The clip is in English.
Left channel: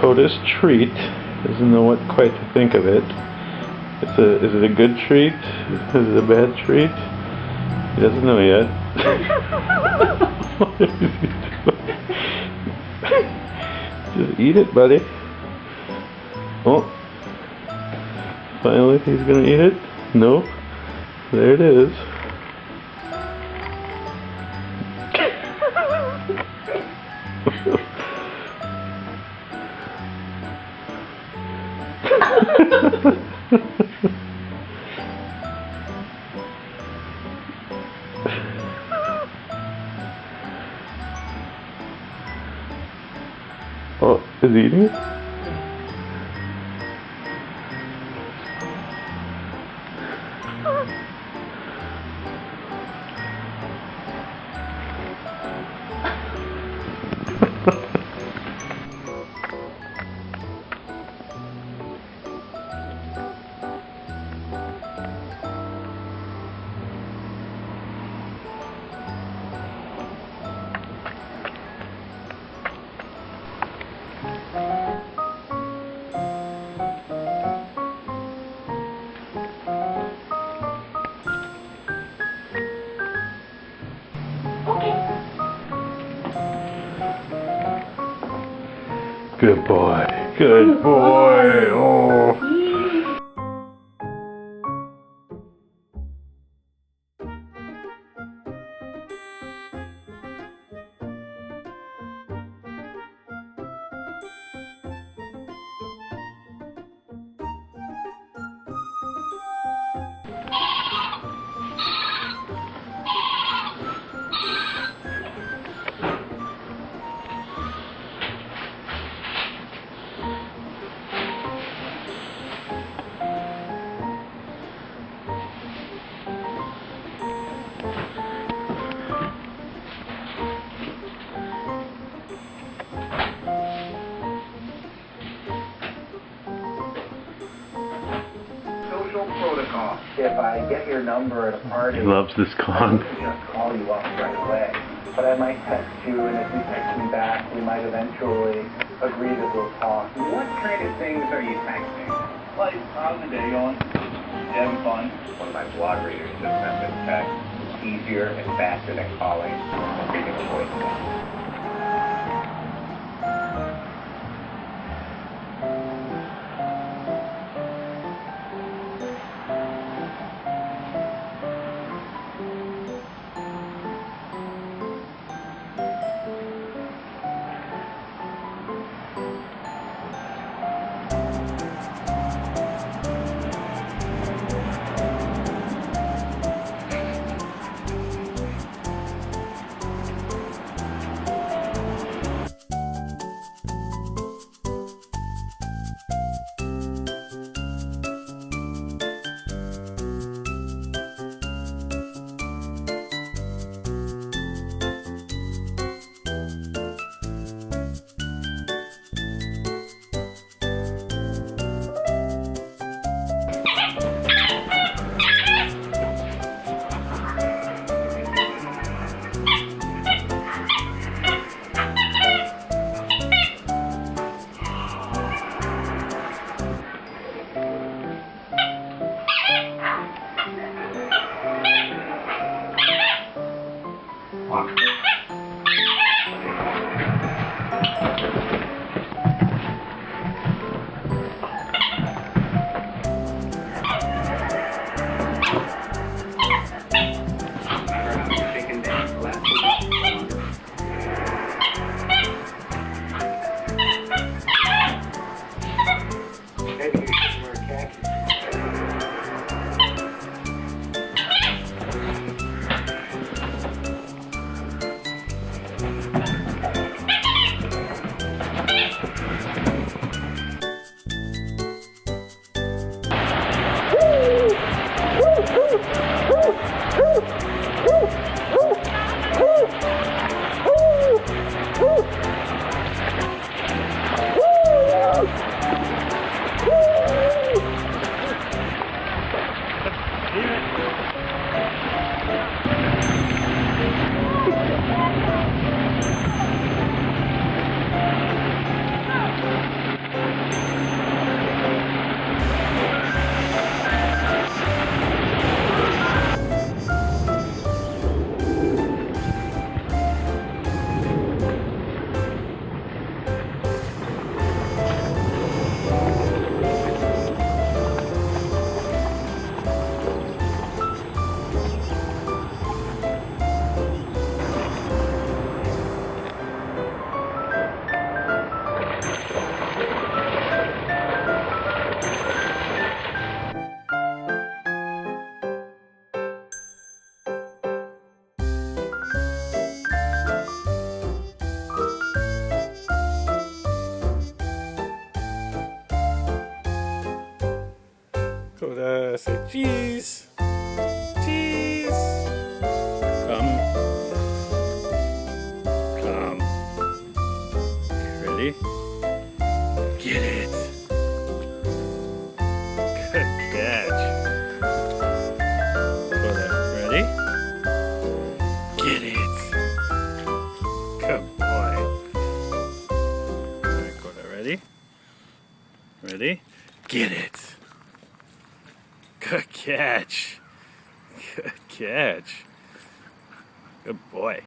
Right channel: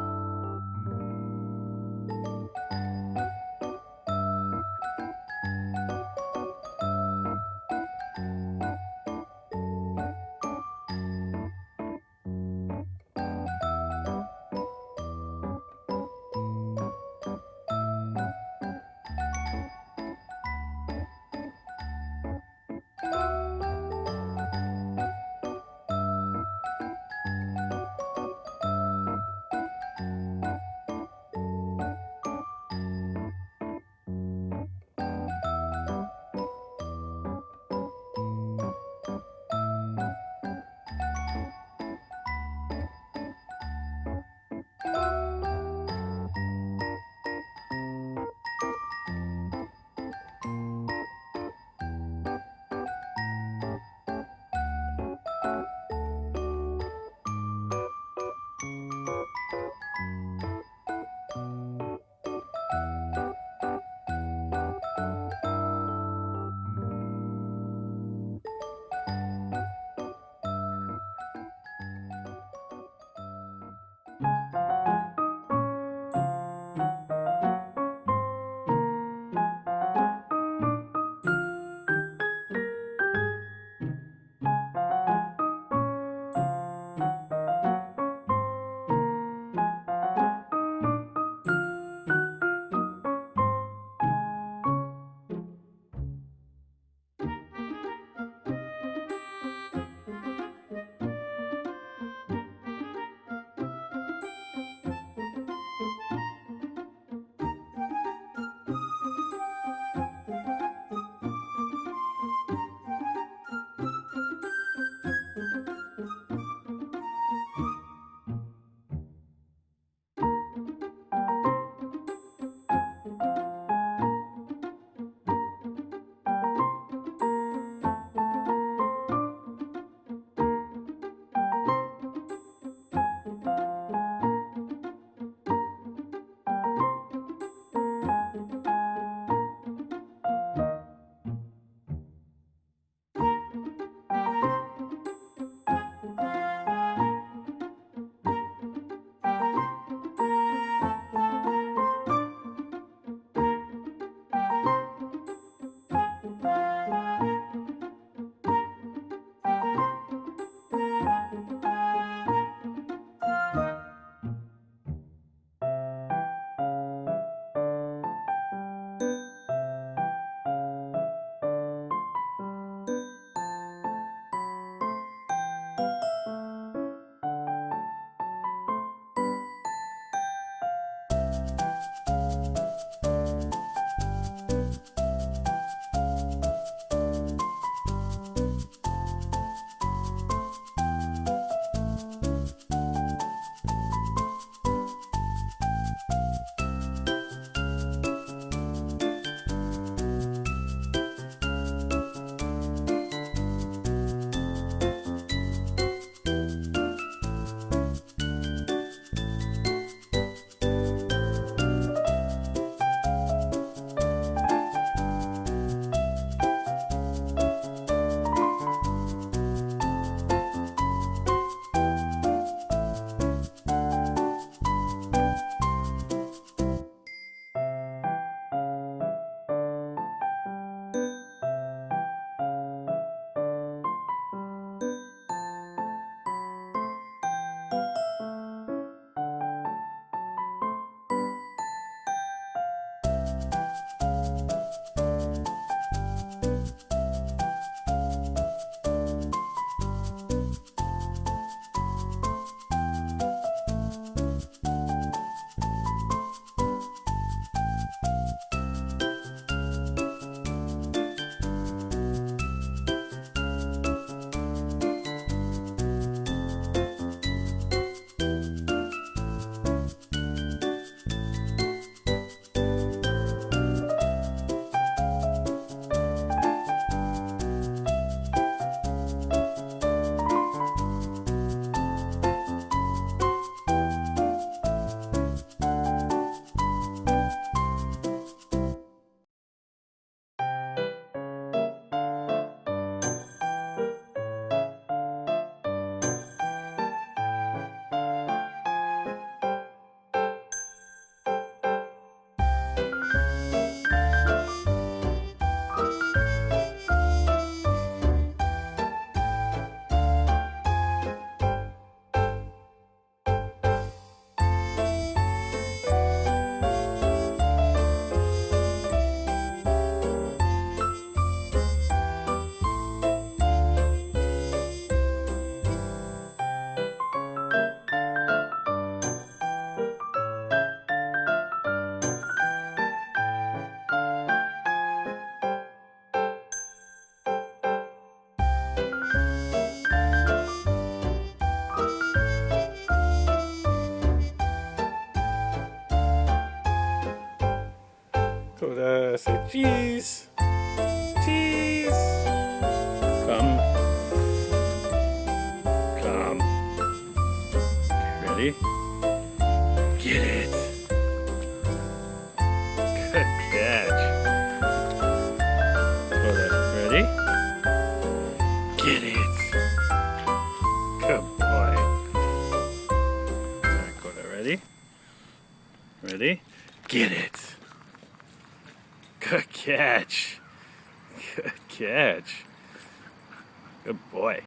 Kota's treat. Doesn't know what quite to think of it. Is it a good treat? Is it a bad treat? He doesn't know yet. What is he doing? Just eat it, buddy. Oh. Finally, he's gonna eat it? Nope. There it is. Oh, is he eating it? Good boy. Good boy. Oh. If I get your number at a party, He loves this I con. can just call you up right away. But I might text you, and if you text me back, we might eventually agree that we'll talk. What kind of things are you texting? Like, how's the day going? You having fun? One of my blog readers just sent this text. It's easier and faster than calling. I'm taking a voicemail. Kota, say cheese. Cheese. Come. Come. Okay, ready? Get it. Good catch. Kota, ready? Get it. Good boy. Alright, Kota, ready? Ready? Get it. Good catch. Good catch. Good boy.